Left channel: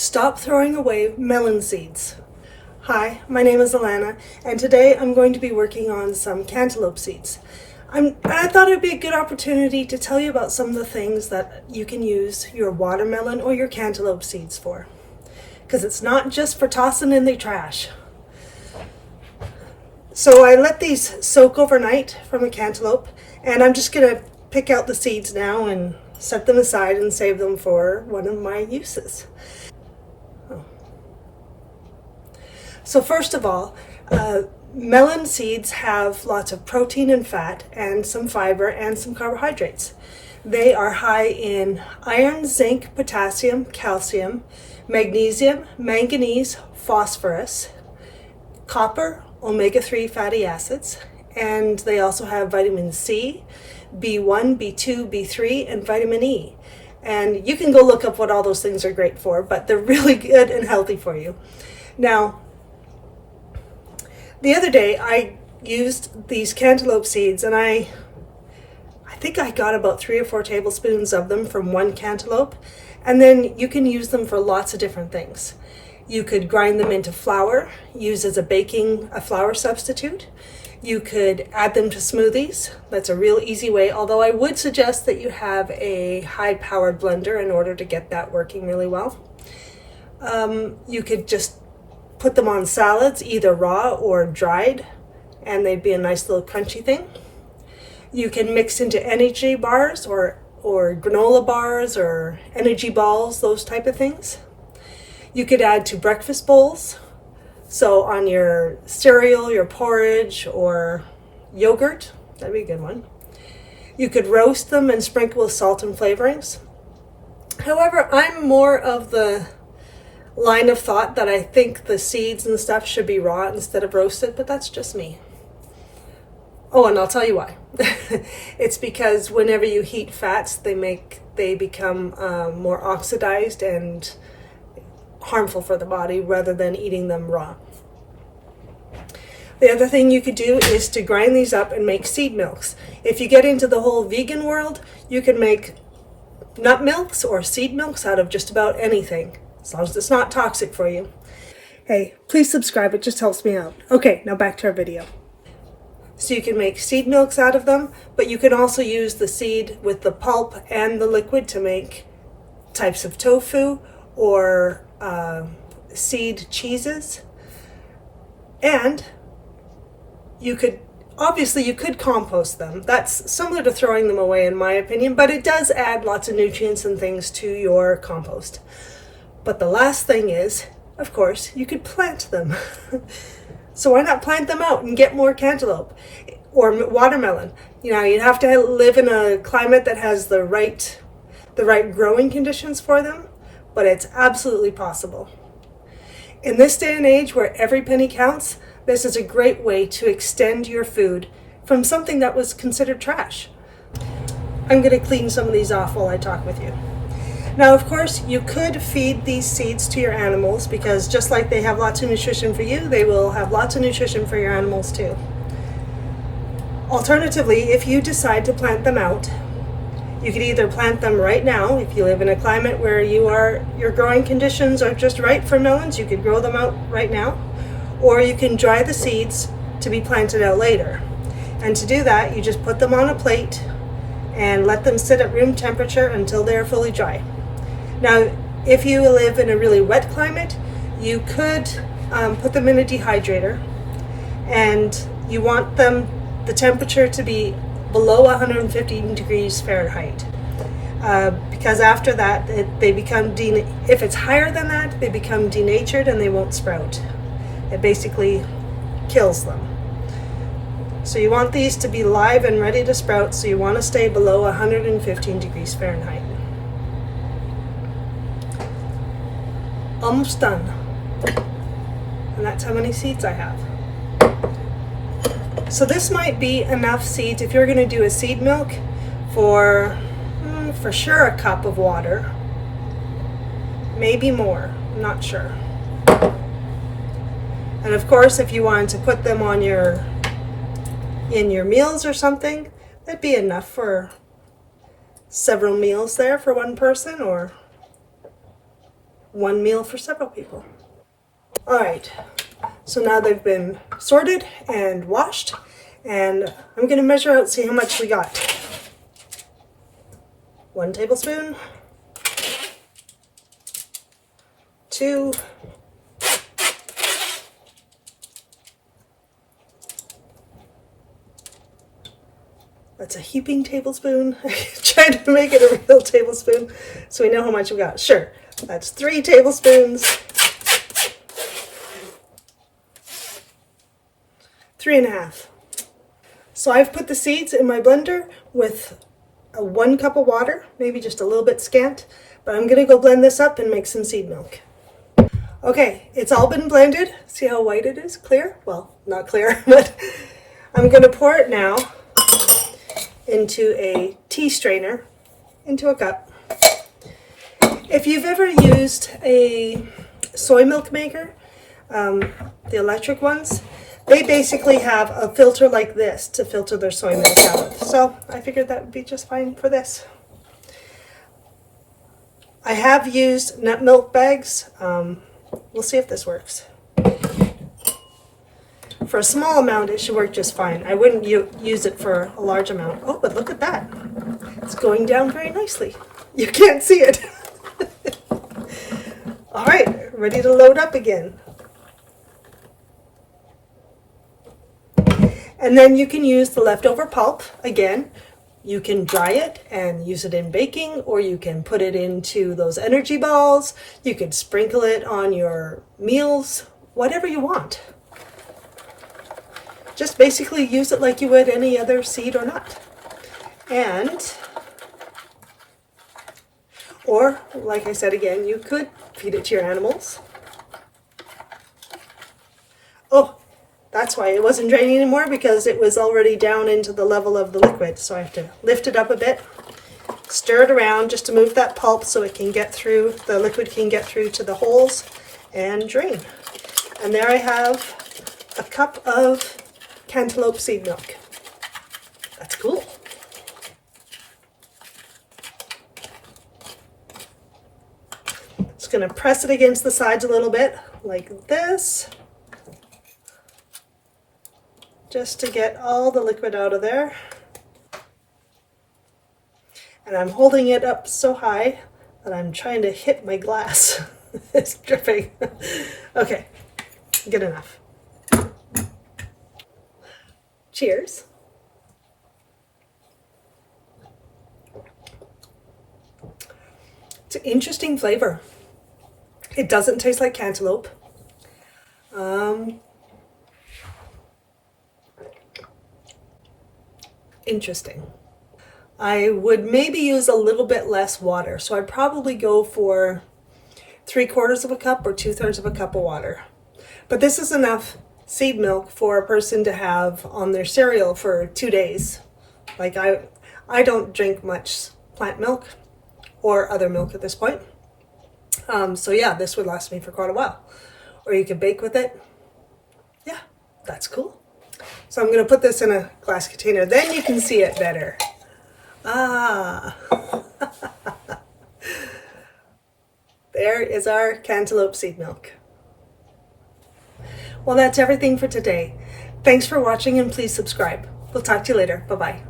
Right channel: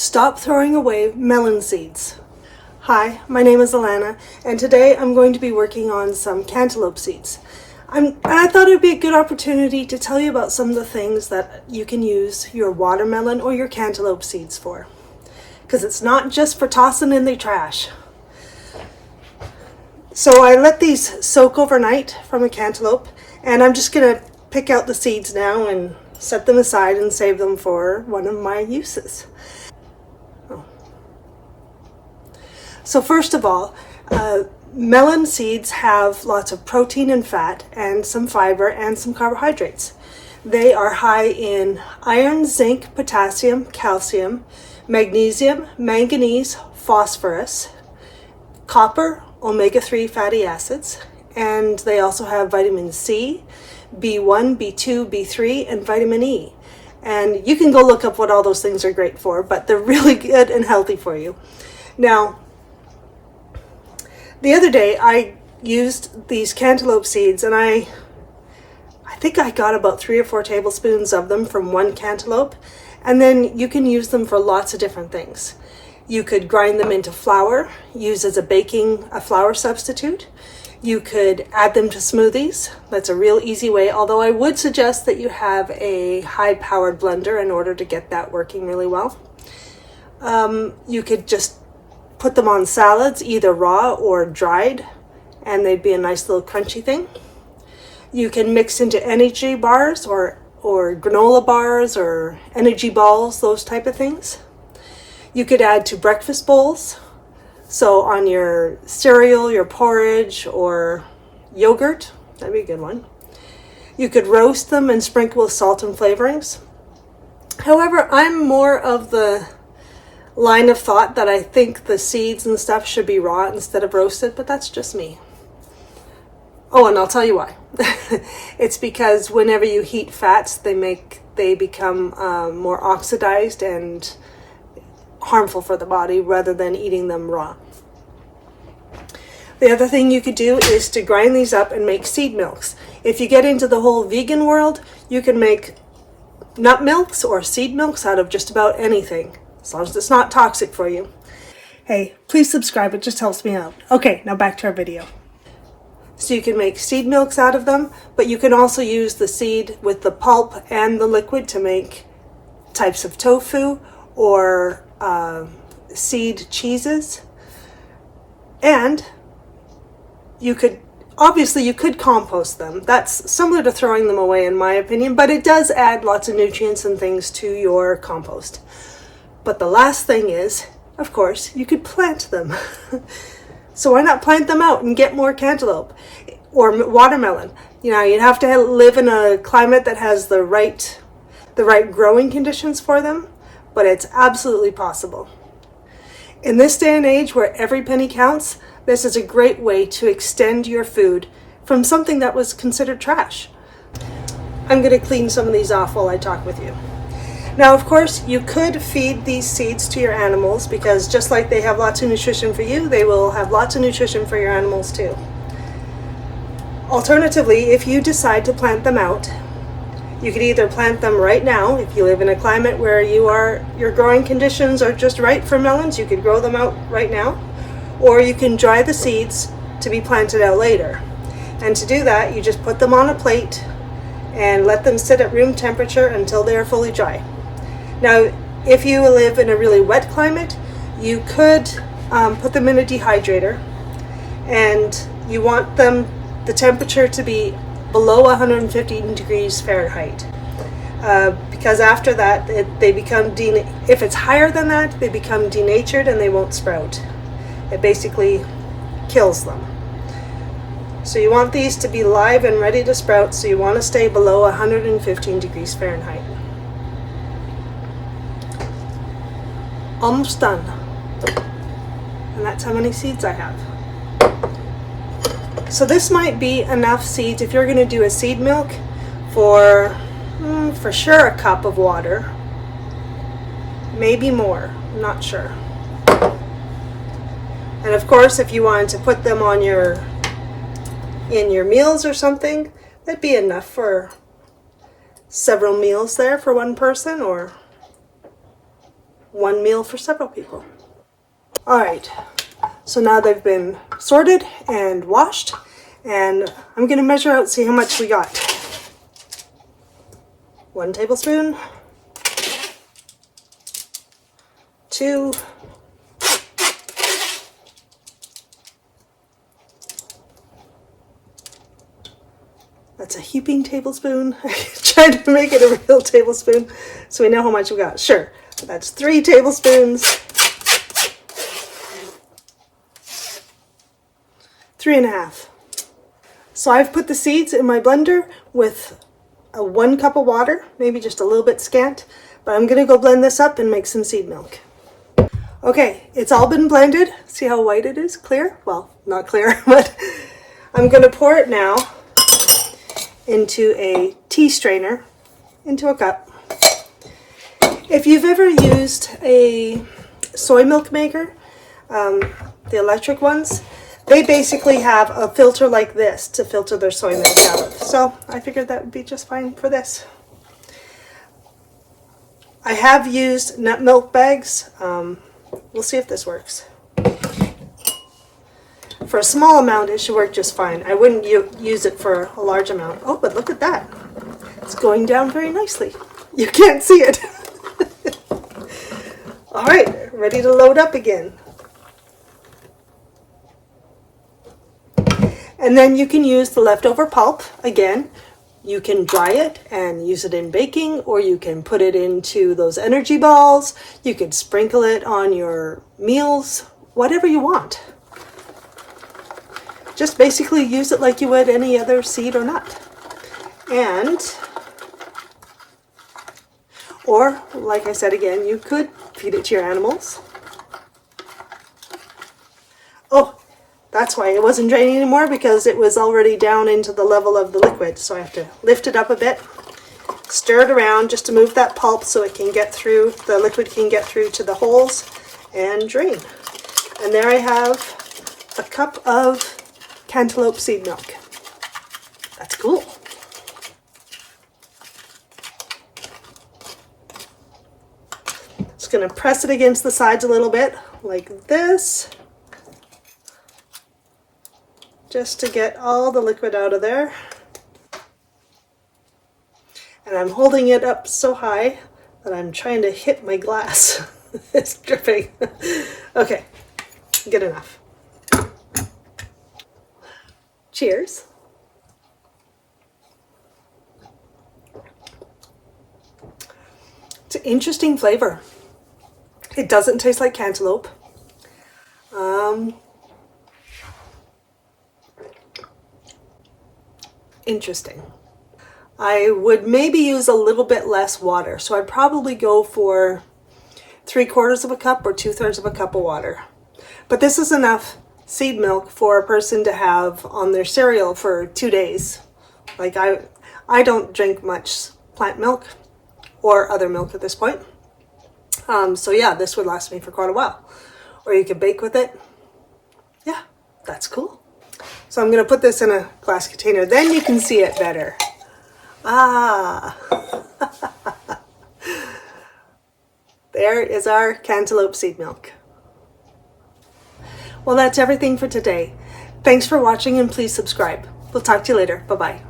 Stop throwing away melon seeds. Hi, my name is Alana, and today I'm going to be working on some cantaloupe seeds. I thought it would be a good opportunity to tell you about some of the things that you can use your watermelon or your cantaloupe seeds for. Because it's not just for tossing in the trash. So I let these soak overnight from a cantaloupe, and I'm just going to pick out the seeds now and set them aside and save them for one of my uses. So first of all, melon seeds have lots of protein and fat and some fiber and some carbohydrates. They are high in iron, zinc, potassium, calcium, magnesium, manganese, phosphorus, copper, omega-3 fatty acids, and they also have vitamin C, B1, B2, B3, and vitamin E. And you can go look up what all those things are great for, but they're really good and healthy for you. Now, the other day I used these cantaloupe seeds, and I think I got about 3 or 4 tablespoons of them from one cantaloupe, and then you can use them for lots of different things. You could grind them into flour, use as a flour substitute. You could add them to smoothies. That's a real easy way, although I would suggest that you have a high-powered blender in order to get that working really well. You could just put them on salads, either raw or dried, and they'd be a nice little crunchy thing. You can mix into energy bars or granola bars or energy balls, those type of things. You could add to breakfast bowls, so on your cereal, your porridge, or yogurt. That'd be a good one. You could roast them and sprinkle with salt and flavorings. However, I'm more of the line of thought that I think the seeds and stuff should be raw instead of roasted, but that's just me. Oh, and I'll tell you why. It's because whenever you heat fats, they become more oxidized and harmful for the body rather than eating them raw. The other thing you could do is to grind these up and make seed milks. If you get into the whole vegan world, you can make nut milks or seed milks out of just about anything, as long as it's not toxic for you. Hey, please subscribe, it just helps me out. Okay, now back to our video. So you can make seed milks out of them, but you can also use the seed with the pulp and the liquid to make types of tofu or seed cheeses. And you could compost them. That's similar to throwing them away in my opinion, but it does add lots of nutrients and things to your compost. But the last thing is, of course, you could plant them. So why not plant them out and get more cantaloupe or watermelon? You know, you'd have to live in a climate that has the right growing conditions for them, but it's absolutely possible. In this day and age where every penny counts, this is a great way to extend your food from something that was considered trash. I'm going to clean some of these off while I talk with you. Now, of course, you could feed these seeds to your animals because just like they have lots of nutrition for you, they will have lots of nutrition for your animals too. Alternatively, if you decide to plant them out, you could either plant them right now. If you live in a climate where your growing conditions are just right for melons, you could grow them out right now. Or you can dry the seeds to be planted out later. And to do that, you just put them on a plate and let them sit at room temperature until they are fully dry. Now, if you live in a really wet climate, you could put them in a dehydrator, and you want the temperature to be below 115 degrees Fahrenheit. Because after that, they become if it's higher than that, they become denatured and they won't sprout. It basically kills them. So you want these to be live and ready to sprout, so you want to stay below 115 degrees Fahrenheit. Almost done. And that's how many seeds I have. So this might be enough seeds if you're going to do a seed milk for sure a cup of water. Maybe more, I'm not sure. And of course, if you wanted to put them on in your meals or something, that'd be enough for several meals there for one person, or one meal for several people. All right, so now they've been sorted and washed, and I'm going to measure out, see how much we got. 1 tablespoon, 2, that's a heaping tablespoon. Trying to make it a real tablespoon so we know how much we got. Sure, that's 3 tablespoons. 3.5. So I've put the seeds in my blender with 1 cup of water, maybe just a little bit scant, but I'm gonna go blend this up and make some seed milk. Okay, it's all been blended. See how white it is? Clear? Well, not clear, but I'm gonna pour it now into a tea strainer, into a cup. If you've ever used a soy milk maker, the electric ones, they basically have a filter like this to filter their soy milk out of. So I figured that would be just fine for this. I have used nut milk bags. We'll see if this works. For a small amount, it should work just fine. I wouldn't use it for a large amount. Oh, but look at that. It's going down very nicely. You can't see it. All right, ready to load up again. And then you can use the leftover pulp again. You can dry it and use it in baking, or you can put it into those energy balls. You can sprinkle it on your meals, whatever you want. Just basically use it like you would any other seed or nut. Or like I said again, you could feed it to your animals. Oh, that's why it wasn't draining anymore, because it was already down into the level of the liquid. So I have to lift it up a bit, stir it around just to move that pulp so it can get through, the liquid can get through to the holes and drain. And there I have a cup of cantaloupe seed milk. That's cool. Just going to press it against the sides a little bit like this, just to get all the liquid out of there. And I'm holding it up so high that I'm trying to hit my glass. It's dripping. Okay, good enough. Cheers. It's an interesting flavor. It doesn't taste like cantaloupe. Interesting. I would maybe use a little bit less water, so I'd probably go for 3/4 of a cup or 2/3 of a cup of water. But this is enough seed milk for a person to have on their cereal for 2 days. Like I don't drink much plant milk or other milk at this point. So yeah, this would last me for quite a while. Or you could bake with it. Yeah, that's cool. So I'm going to put this in a glass container. Then you can see it better. Ah. There is our cantaloupe seed milk. Well, that's everything for today. Thanks for watching, and please subscribe. We'll talk to you later. Bye-bye.